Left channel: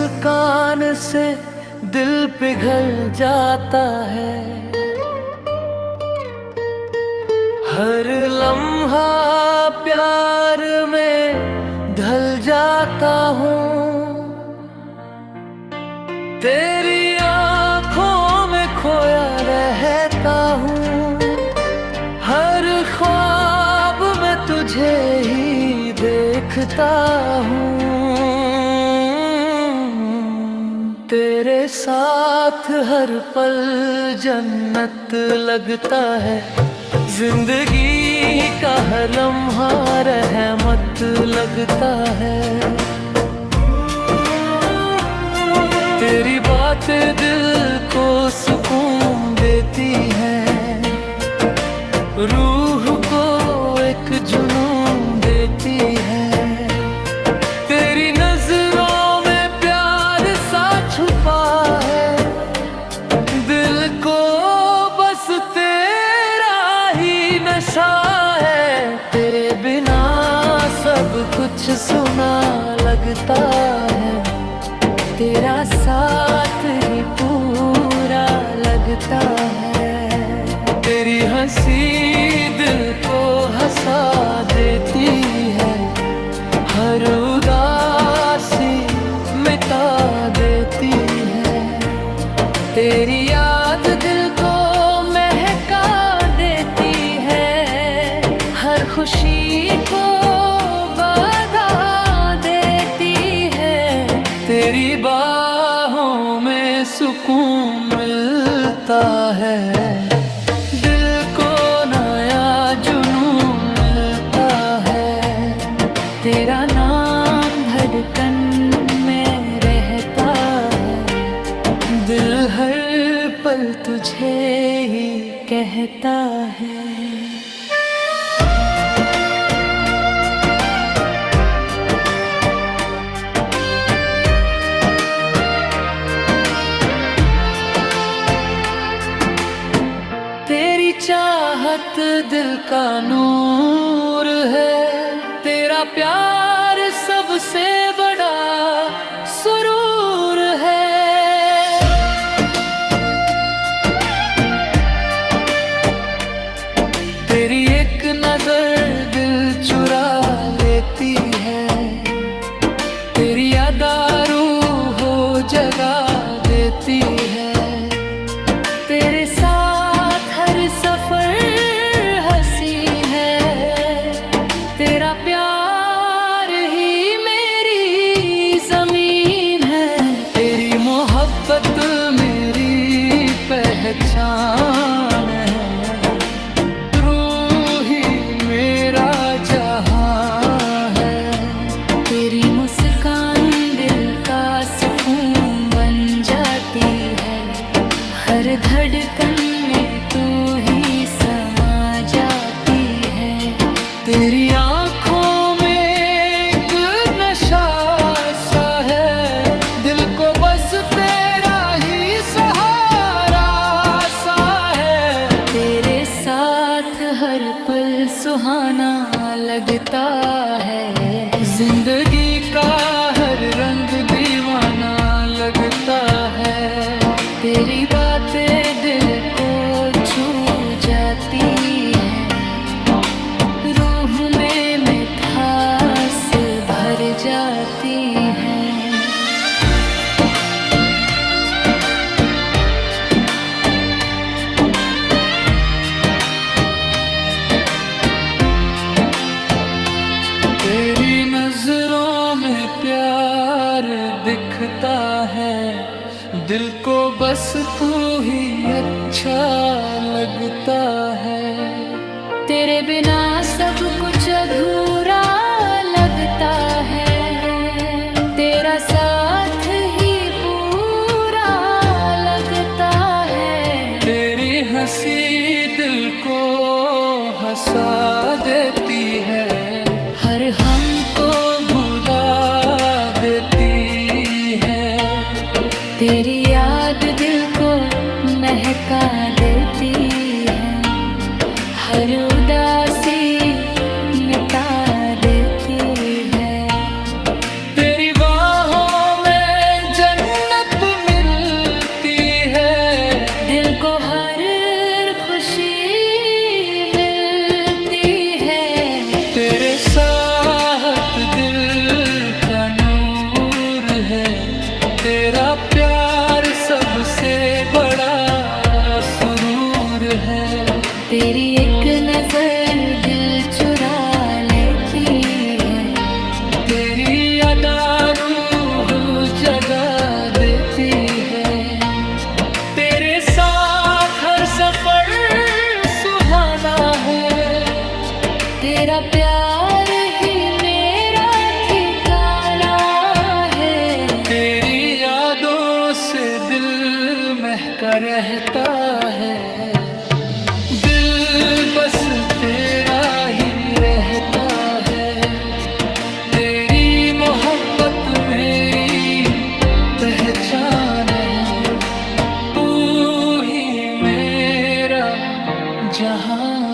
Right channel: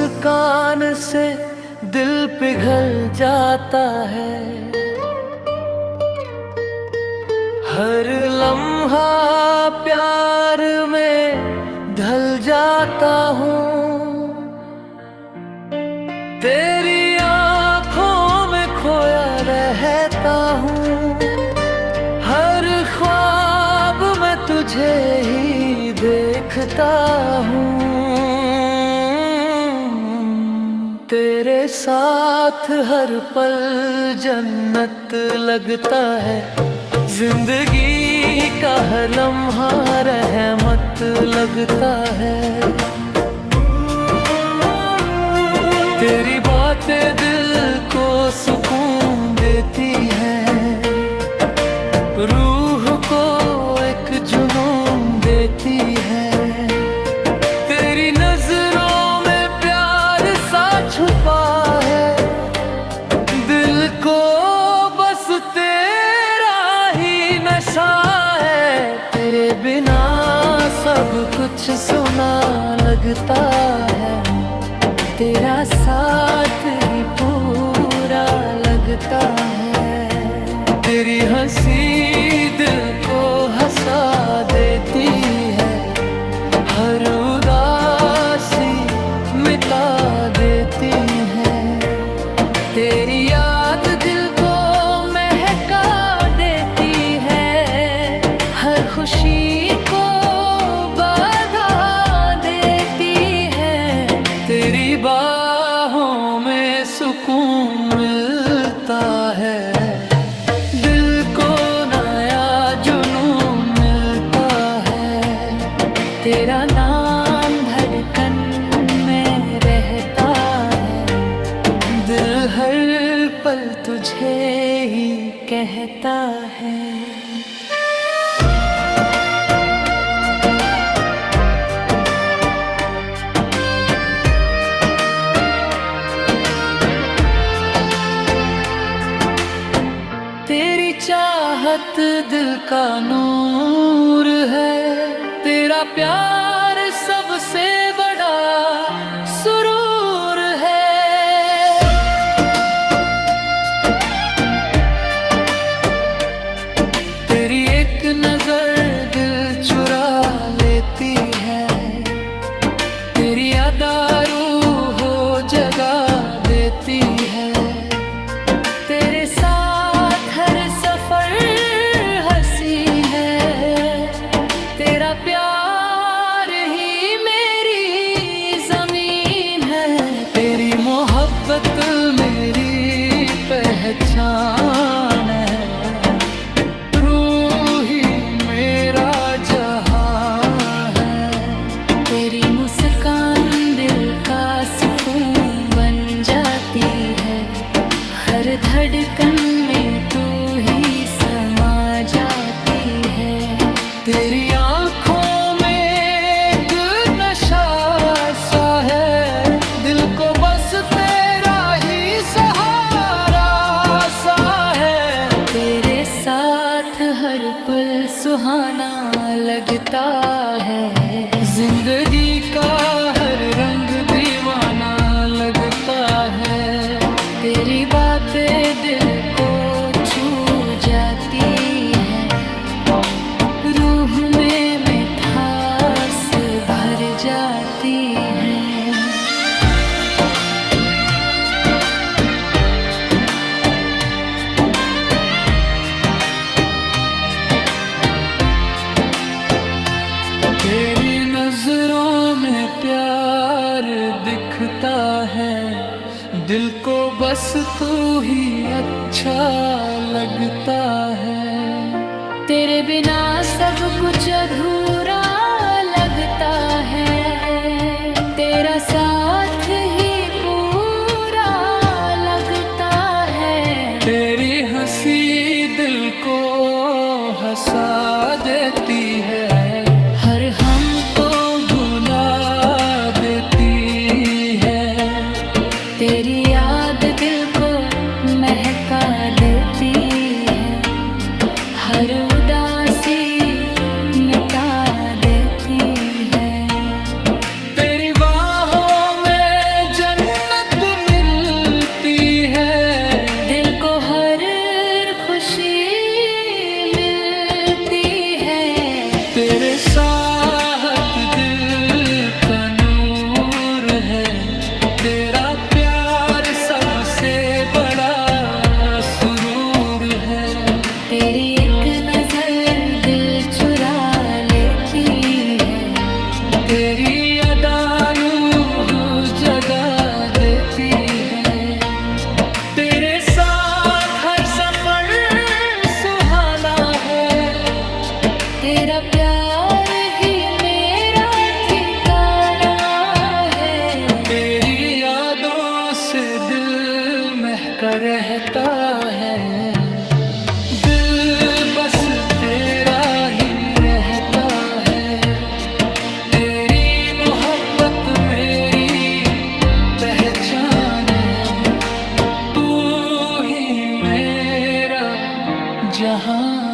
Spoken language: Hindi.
मुस्कान से दिल पिघल जाता है। हर लम्हा प्यार में ढल जाता हूँ। तेरी आँखों में खोया रहता हूँ। हर ख्वाब में तुझे ही देखता हूँ। तेरे साथ हर पल जन्नत लगता है। जिंदगी का हर लम्हा रहमत लगता है। तेरी बातें दिल को सुकून देती हैं। रूह को एक जुनून देती है। तेरी नजरों में प्यार सा छुपा है। दिल को बस तेरा ही नशा है। तेरे बिना सब कुछ सुना लगता है। तेरा साथ ही पूरा लगता है। तेरी हंसी दिल को हंसा देती है। हर उदासी मिटा देती है। तेरी याद दिल को महका देती है। हर खुशी को बढ़ा देती है। तेरी बाहों में सुकून मिलता है। दिल को नया जुनून मिलता है। तेरा नाम धड़कन में रहता है। दिल हर पल तुझे ही कहता है। तेरी चाहत दिल का नूर है। तेरा प्यार सबसे बड़ा सुरूर है। तेरी एक नजर दिल चुरा लेती है। तेरी अदा रूह हो जगा देती है। तेरे साथ हर सफर हंसी है। तेरा प्यार ही मेरी जमीन है। तेरी मोहब्बत मेरी पहचान है। तू ही मेरा जहां है। तेरी मुस्कान दिल का सुकून बन जाती है। हर धड़कन में तू ही समा जाती है। तेरी आँखों में एक नशा सा है। दिल को बस तेरा ही सहारा सा है। तेरे साथ हर पल सुहाना लगता है। जिंदगी का हर रंग दीवाना लगता है। तेरी बातें दिल को छू जाती है। रूह में मिठास भर जाती है। तेरी नजरों में प्यार दिखता है। दिल को बस तू ही अच्छा लगता है। तेरे बिना सब कुछ अधूरा लगता है। तेरा साथ ही पूरा लगता है। तेरी हंसी दिल को हंसा देती है। हर हमको भुला देती है। तेरी याद दिल को महका देती है। हर उदासी मिटा देती है। तेरी बाहों में तेरा प्यार सबसे बड़ा सुरूर है। तेरी एक नजर दिल चुरा लेती है। तेरी अदा रूह जगा देती है। तेरे साथ हर सफर सुहाना है। तेरा प्यार ही मेरा ठिकाना है। तेरी यादों से दिल महका रहता है। दिल बस तेरा ही रहता है। तेरी मोहब्बत मेरी पहचान है। तू ही मेरा जहां